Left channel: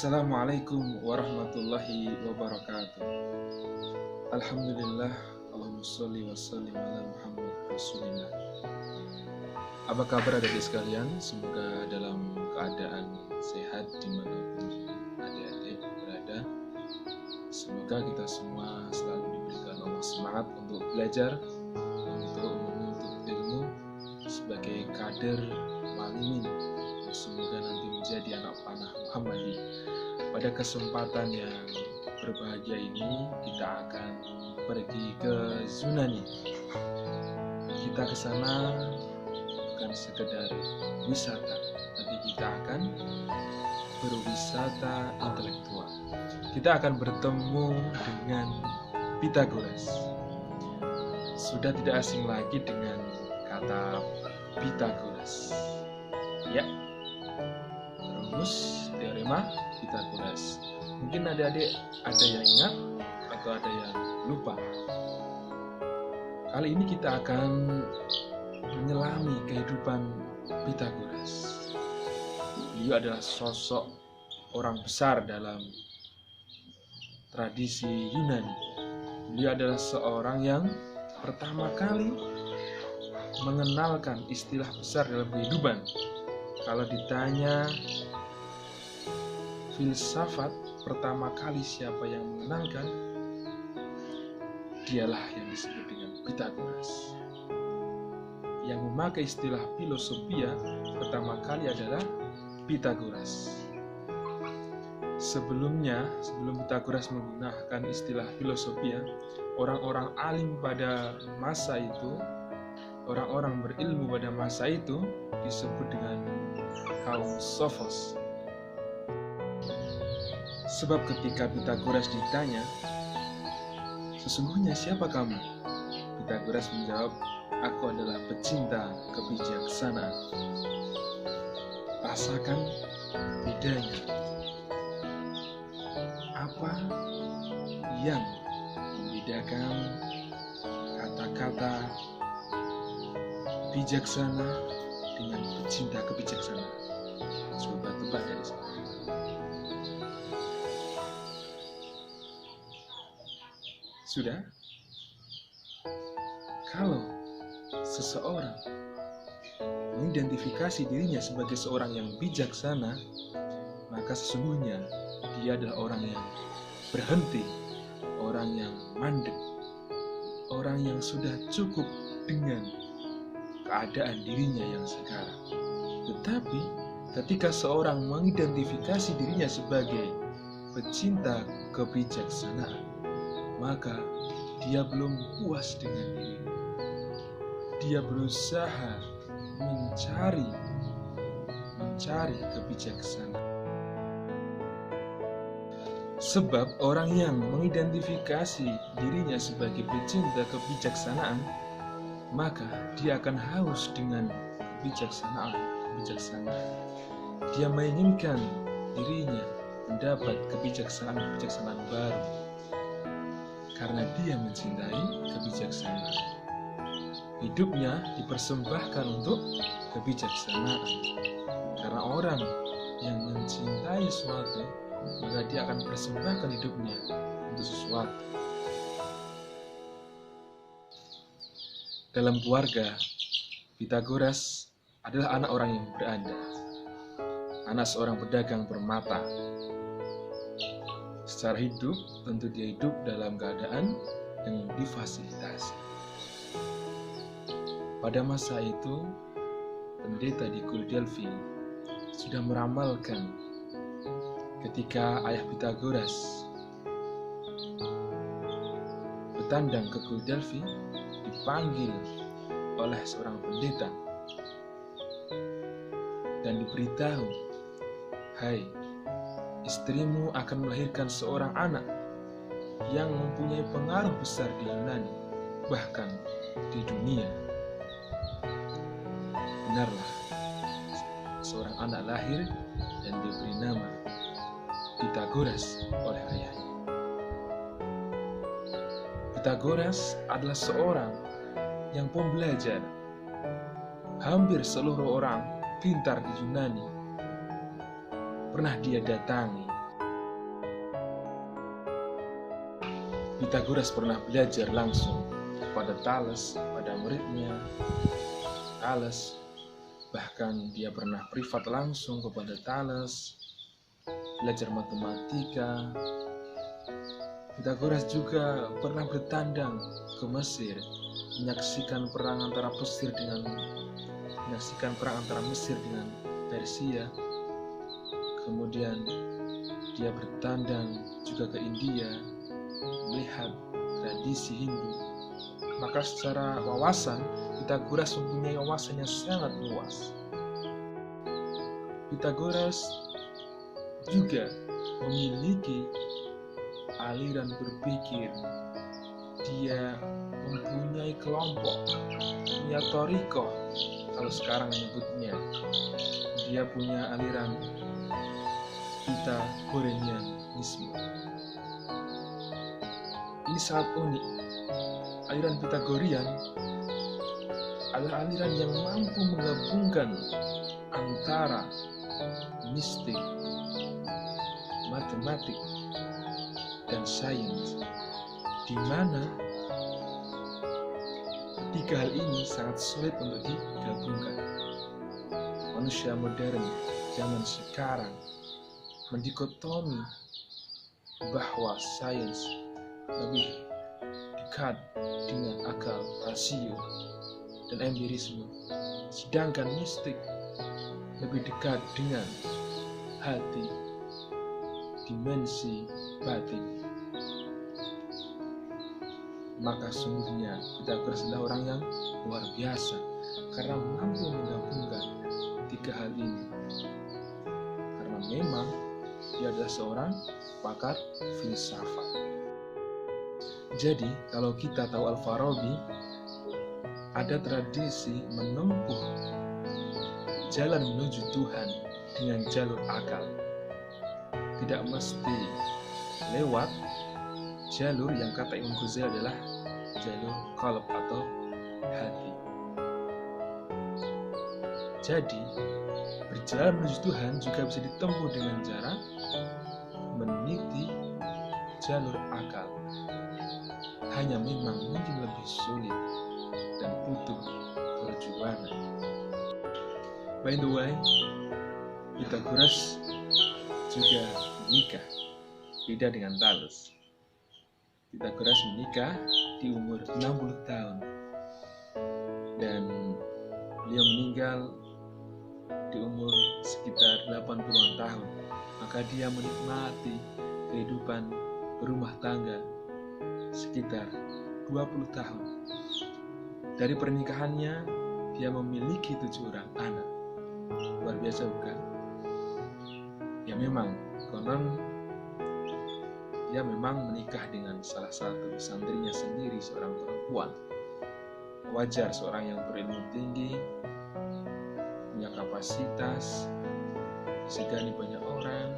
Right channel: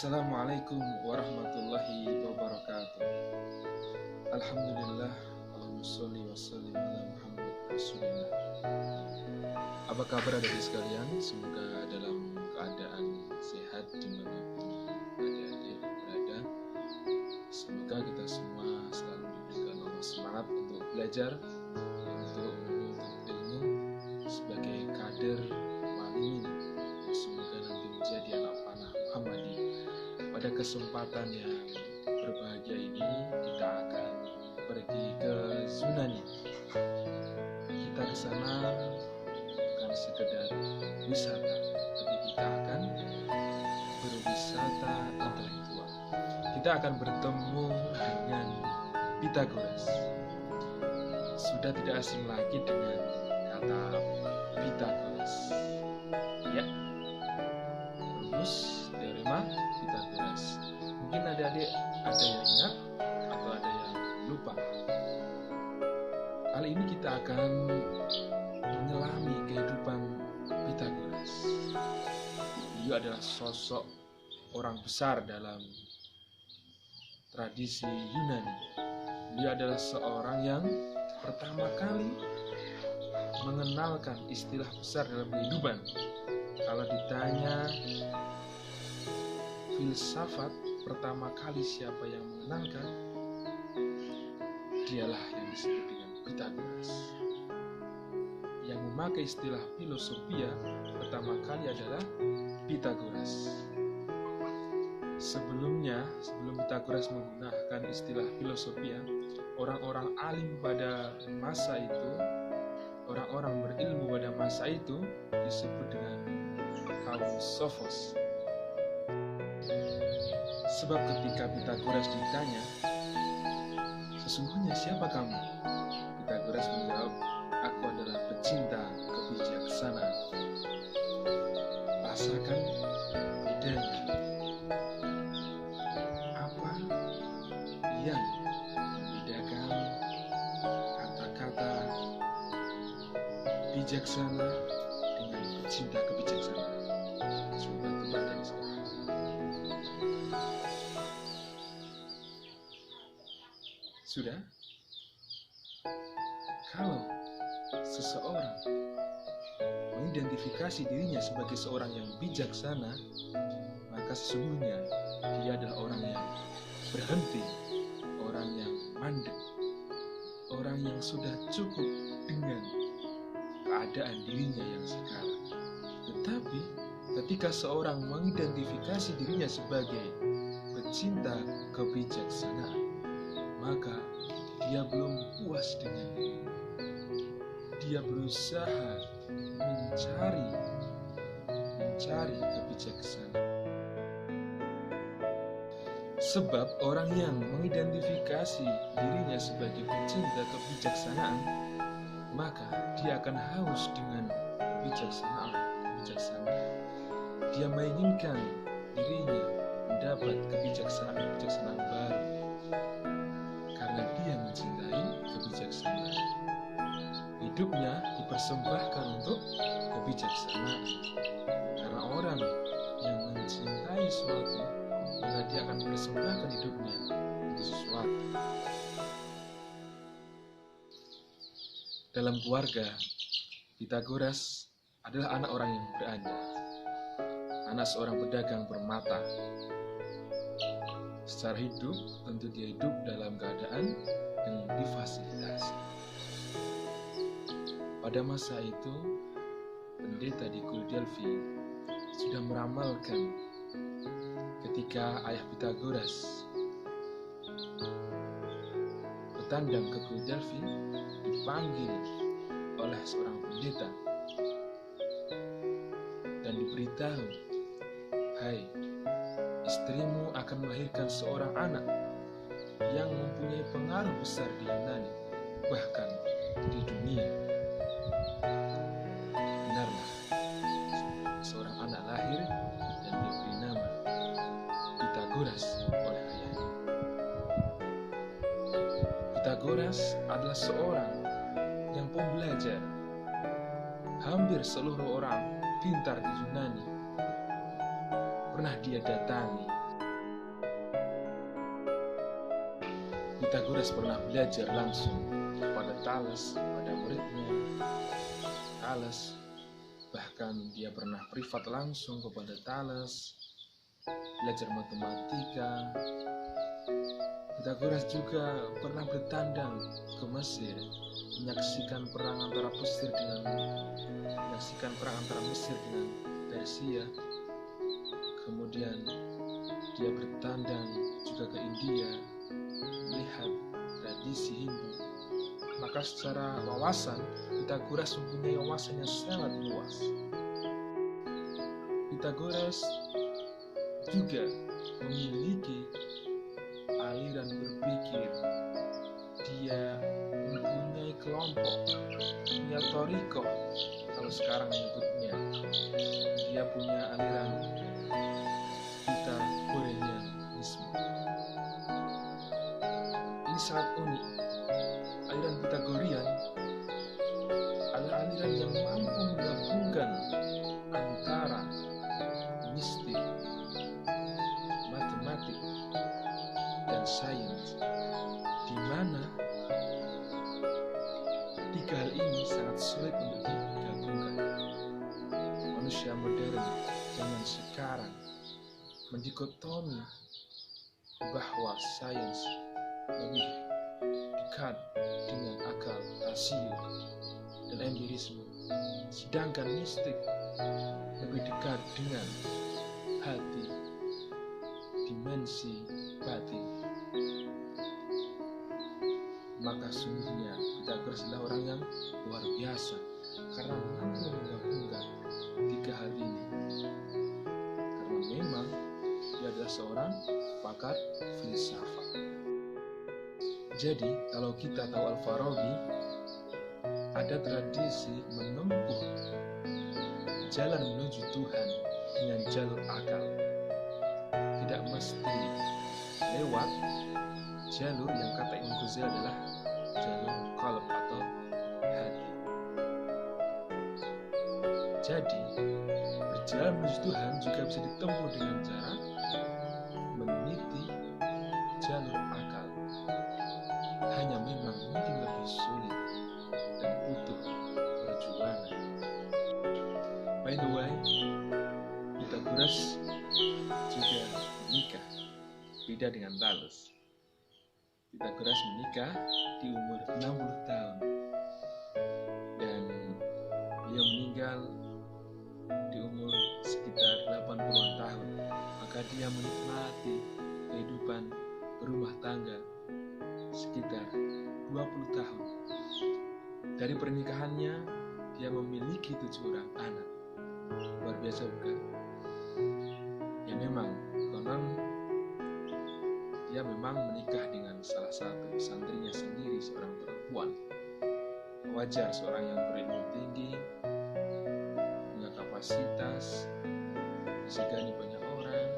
Assalamualaikum warahmatullahi wabarakatuh. Alhamdulillah, Allahumma sholli wa sallim ala Muhammad Rasulillah. Apa kabar adik-adik sekalian? Semoga dalam keadaan sehat dimanapun adik-adik berada. Semoga kita semua selalu diberikan Allah semangat untuk belajar, untuk menuntut ilmu sebagai kader walimin. Semoga nanti menjadi anak panah Muhammadi. Pada kesempatan yang berbahagia ini kita akan pergi ke Yunani. Kita ke sana bukan sekedar wisata, tapi kita akan berwisata intelektual. Kita akan bertemu dengan Pythagoras. Sudah tidak asing lagi dengan kata Pythagoras. Ya, rumus teorema Pythagoras. Mungkin adik-adik ada yang ingat atau ada yang lupa. Kali ini kita akan menyelami kehidupan Pythagoras. Beliau adalah sosok orang besar dalam tradisi Yunani. Beliau adalah seorang yang pertama kali mengenalkan istilah besar dalam kehidupan. Kalau ditanya filsafat pertama kali siapa yang mengenalkan, dialah yang disebut dengan Pythagoras. Yang memakai istilah filosofia pertama kali adalah Pythagoras. Sebelum Pythagoras menggunakan istilah filosofia, orang-orang alim pada masa itu, orang-orang berilmu pada masa itu disebut dengan kaum Sophos. Sebab ketika Pythagoras ditanya, "Sesungguhnya siapa kamu?" Pythagoras menjawab, "Aku adalah pecinta kebijaksanaan." Rasakan bedanya. Apa yang membedakan kata-kata bijaksana dengan pecinta kebijaksanaan? Coba tebak dari sana. Sudah? Kalau seseorang mengidentifikasi dirinya sebagai seorang yang bijaksana, maka sesungguhnya dia adalah orang yang berhenti, orang yang mandek, orang yang sudah cukup dengan keadaan dirinya yang sekarang. Tetapi ketika seorang mengidentifikasi dirinya sebagai pecinta kebijaksanaan, maka dia belum puas dengan dirinya. Dia berusaha mencari kebijaksanaan. Sebab orang yang mengidentifikasi dirinya sebagai pecinta kebijaksanaan, maka dia akan haus dengan kebijaksanaan. Dia menginginkan dirinya mendapat kebijaksanaan baru karena dia mencintai kebijaksanaan. Hidupnya dipersembahkan untuk kebijaksanaan. Karena orang yang mencintai sesuatu, maka dia akan mempersembahkan hidupnya untuk sesuatu. Dalam keluarga, Pythagoras adalah anak orang yang berada, anak seorang pedagang permata. Secara hidup, tentu dia hidup dalam keadaan yang difasilitasi. Pada masa itu, pendeta di Gul Delphi sudah meramalkan ketika ayah Pythagoras bertandang ke Gul Delphi, dipanggil oleh seorang pendeta dan diberitahu, "Hai, istrimu akan melahirkan seorang anak yang mempunyai pengaruh besar di Yunani, bahkan di dunia." Benarlah, seorang anak lahir dan diberi nama Pythagoras oleh ayahnya. Pythagoras adalah seorang yang pembelajar. Hampir seluruh orang pintar di Yunani pernah dia datangi Pythagoras pernah belajar langsung kepada Thales, pada muridnya Thales. Bahkan dia pernah privat langsung kepada Thales, belajar matematika. Pythagoras juga pernah bertandang ke Mesir, menyaksikan perang antara Mesir dengan Persia. Kemudian dia bertandang juga ke India, melihat tradisi Hindu. Maka secara wawasan, Pythagoras mempunyai wawasan yang sangat luas. Pythagoras juga memiliki aliran berpikir. Dia mempunyai kelompok, punya torikoh, kalau sekarang menyebutnya. Dia punya aliran Pythagoreanisme. Ini sangat unik. Aliran Pythagorean adalah aliran yang mampu menggabungkan antara mistik, matematik, dan sains, di mana tiga hal ini sangat sulit untuk digabungkan. Manusia modern zaman sekarang mendikotomi bahwa sains lebih dekat dengan akal, rasio, dan empirisme, sedangkan mistik lebih dekat dengan hati, dimensi batin. Maka sungguhnya Pythagoras adalah orang yang luar biasa karena mampu menggabungkan tiga hal ini. Karena memang dia adalah seorang pakar filsafat. Jadi, kalau kita tahu Al-Farabi, ada tradisi menempuh jalan menuju Tuhan dengan jalur akal. Tidak mesti lewat jalur yang kata Imam Ghazali adalah jalur qalb atau hati. Jadi, berjalan menuju Tuhan juga bisa ditempuh dengan cara meniti jalur akal. Hanya memang mungkin lebih sulit dan butuh perjuangan. By the way, Pythagoras juga menikah, beda dengan Thales. Pythagoras menikah di umur 60 tahun dan beliau meninggal di umur sekitar 80-an tahun. Maka dia menikmati kehidupan berumah tangga sekitar 20 tahun. Dari pernikahannya, dia memiliki 7 orang anak. Luar biasa bukan? Ya memang, konon dia memang menikah dengan salah satu santrinya sendiri, seorang perempuan. Wajar seorang yang berilmu tinggi, punya kapasitas, disegani banyak orang,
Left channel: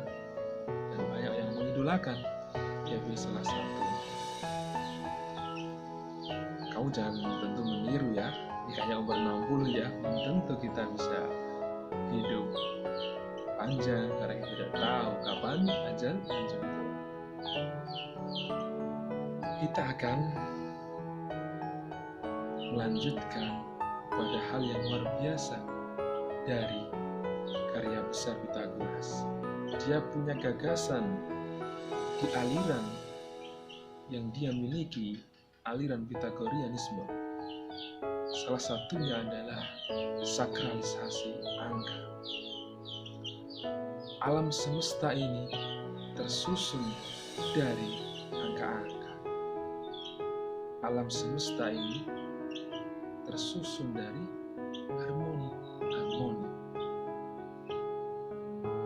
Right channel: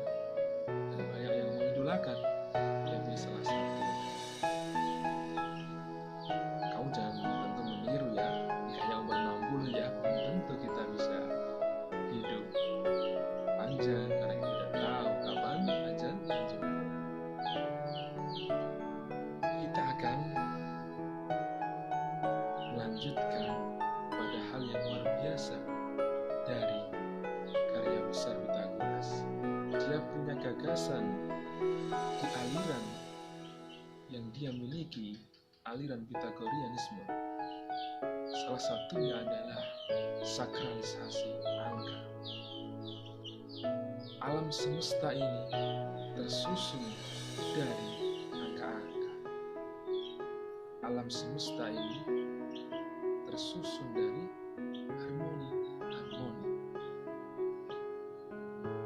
dan banyak yang mengidolakan. Dia pilih salah satu. Kamu jangan tentu meniru ya, ini hanya umur 60 ya, belum tentu kita bisa hidup panjang karena kita tidak tahu kapan ajal menjemput. Kita akan melanjutkan pada hal yang luar biasa dari karya besar Pythagoras. Dia punya gagasan di aliran yang dia miliki, aliran Pythagoreanisme. Salah satunya adalah sakralisasi angka. Alam semesta ini tersusun dari angka-angka. Alam semesta ini tersusun dari harmoni.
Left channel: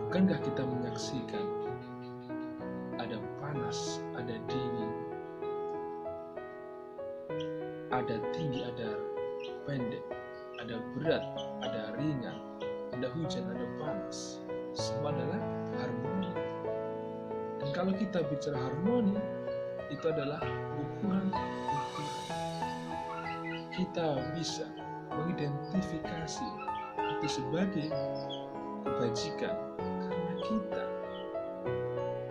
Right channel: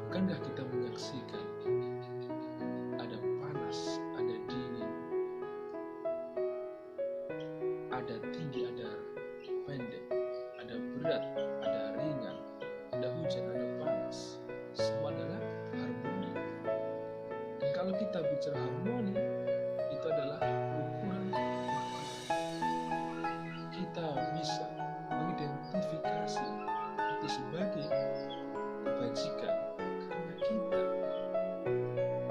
Bukankah kita menyaksikan ada panas, ada dingin, ada tinggi, ada pendek, ada berat, ada ringan, ada hujan, ada panas. Semua adalah harmoni. Dan kalau kita bicara harmoni, itu adalah ukuran. Kita bisa mengidentifikasi itu sebagai kebajikan karena kita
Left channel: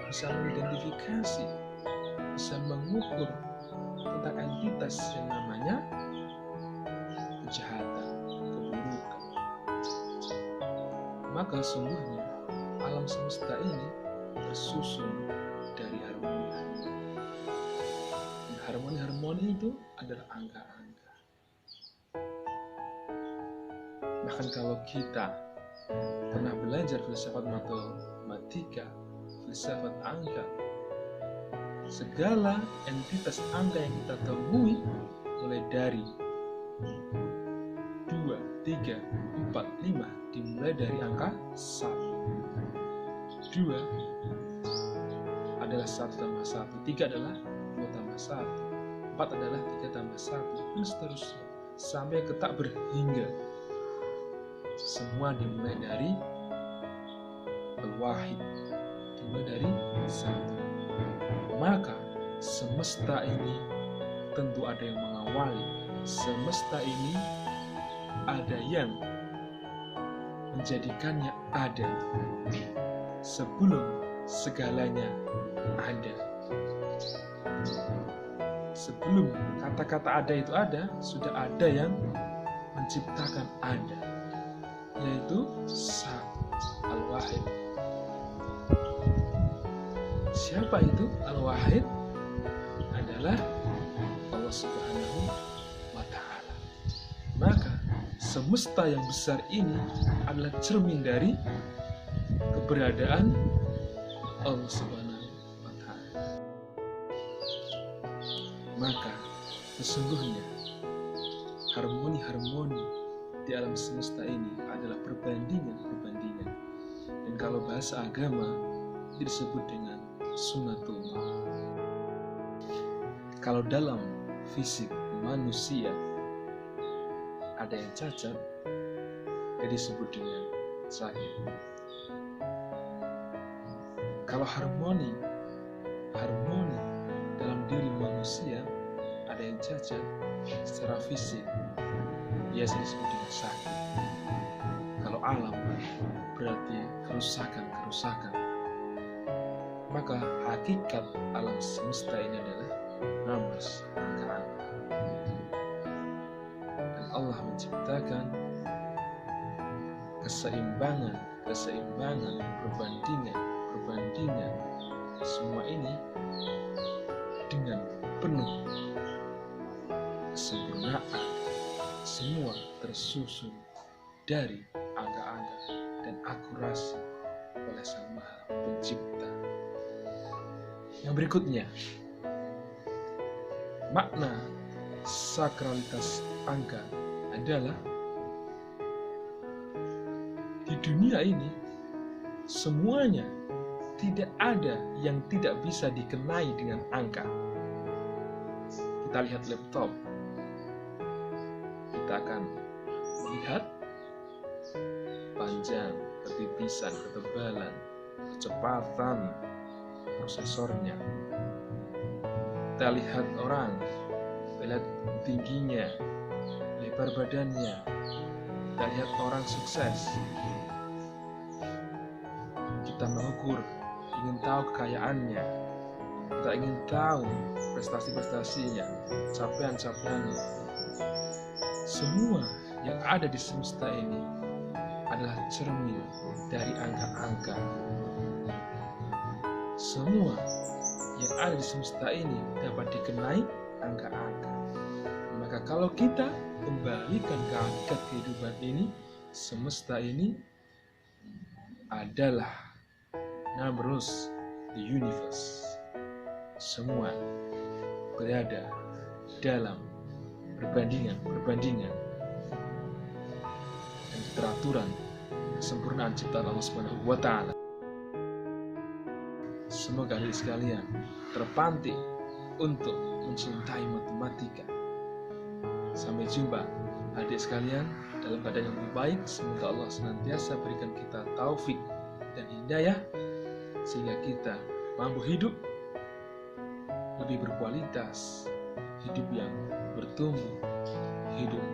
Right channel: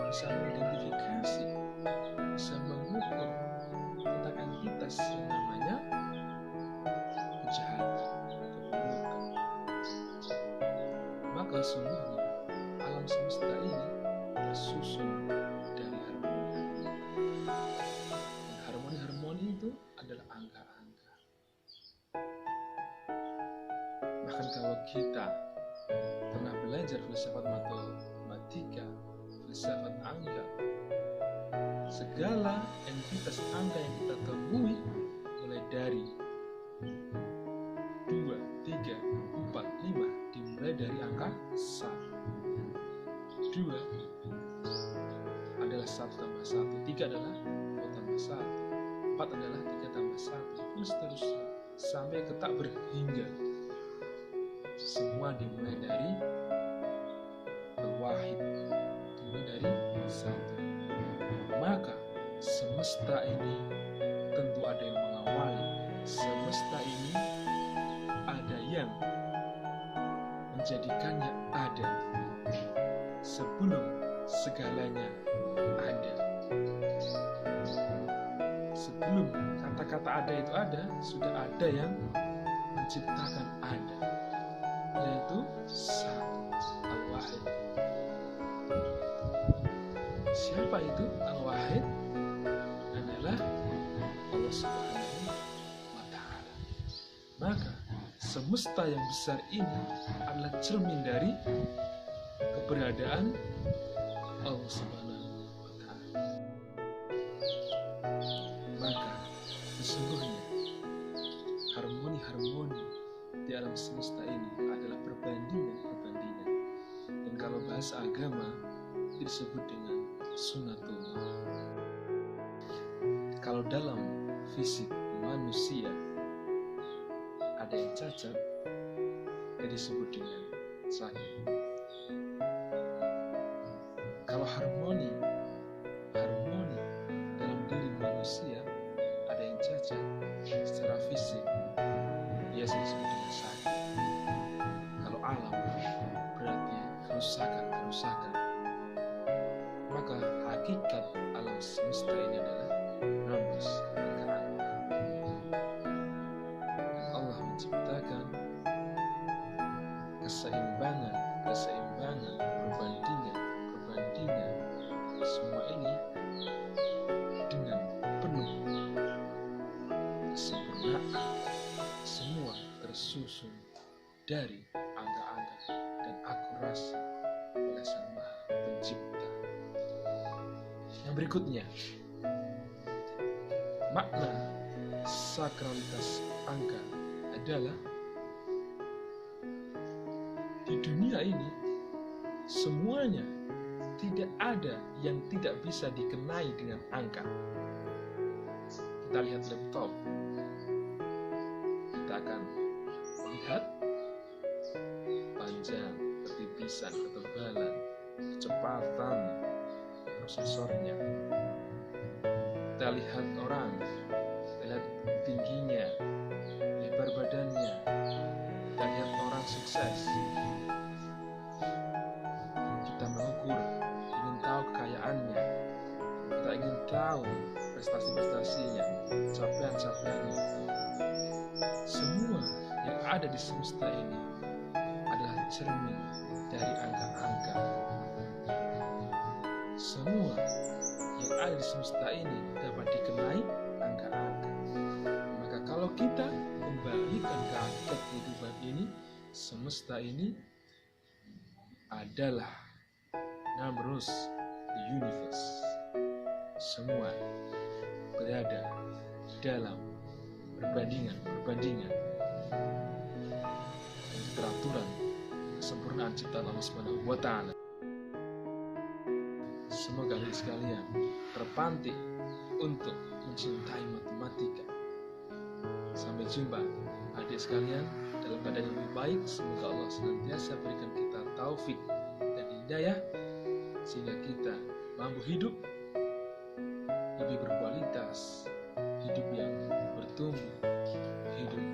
bisa mengidentifikasi bisa mengukur tentang entitas yang namanya kejahatan, keburukan. Maka sungguhnya alam semesta ini tersusun dari harmoni-harmoni. Dan harmoni-harmoni itu adalah angka-angka. Bahkan kalau kita pernah belajar filsafat matematika, filsafat angka, segala entitas angka yang kita temui mulai dari 2, 3, 4, 5 dimulai dari angka 1. 2 adalah 1 tambah 1, 3 adalah 2 tambah 1, 4 adalah 3 tambah 1, dan seterusnya sampai ke tak berhingga. Semua dimulai dari al-wahid, dimulai dari 1. Maka semesta ini tentu ada yang mengawali. Semesta ini ada yang menjadikannya ada sebelum segalanya ada. Sebelum kata-kata ada itu ada, sudah ada yang menciptakan ada, yaitu satu, al-wahid. Siapa itu al-wahid? Adalah Allah Subhanahu wa Ta'ala. Maka semesta yang besar ini adalah cermin dari keberadaan Allah Subhanahu wa Ta'ala. Maka sesungguhnya harmoni-harmoni di alam semesta ini adalah perbandingan-perbandingan. Dan kalau bahasa agama itu disebut dengan sunnatullah. Kalau dalam fisik manusia ada yang cacat, dia disebut dengan sakit. Kalau harmoni dalam diri manusia ada yang cacat secara fisik, biasa disebut dengan sakit. Kalau alam berarti kerusakan. Maka hakikat alam semesta ini adalah numbers, angka-angka. Dan Allah menciptakan keseimbangan, perbandingan. Semua ini dengan penuh kesempurnaan. Semua tersusun dari angka-angka dan akurasi oleh Sang Maha Pencipta. Yang berikutnya, makna sakralitas angka adalah di dunia ini semuanya tidak ada yang tidak bisa dikenai dengan angka. Kita lihat laptop, kita akan melihat panjang, ketipisan, ketebalan, kecepatan prosesornya. Kita lihat orang, kita lihat tingginya, lebar badannya, kita lihat orang sukses. Kita mengukur, ingin tahu kekayaannya, kita ingin tahu prestasi-prestasinya, capaian-capaiannya. Semua yang ada di semesta ini adalah cermin dari angka-angka. Semua yang ada di semesta ini dapat dikenai angka-angka. Maka kalau kita kembalikan ke hakikat kehidupan ini, semesta ini adalah numbers, the universe. Semua berada dalam perbandingan dan keteraturan kesempurnaan ciptaan Allah Subhanahu wa Ta'ala. Semoga adik sekalian terpantik untuk mencintai matematika. Sampai jumpa adik sekalian dalam keadaan yang lebih baik. Semoga Allah senantiasa berikan kita taufik dan hidayah sehingga kita mampu hidup lebih berkualitas, hidup yang bertumbuh, hidup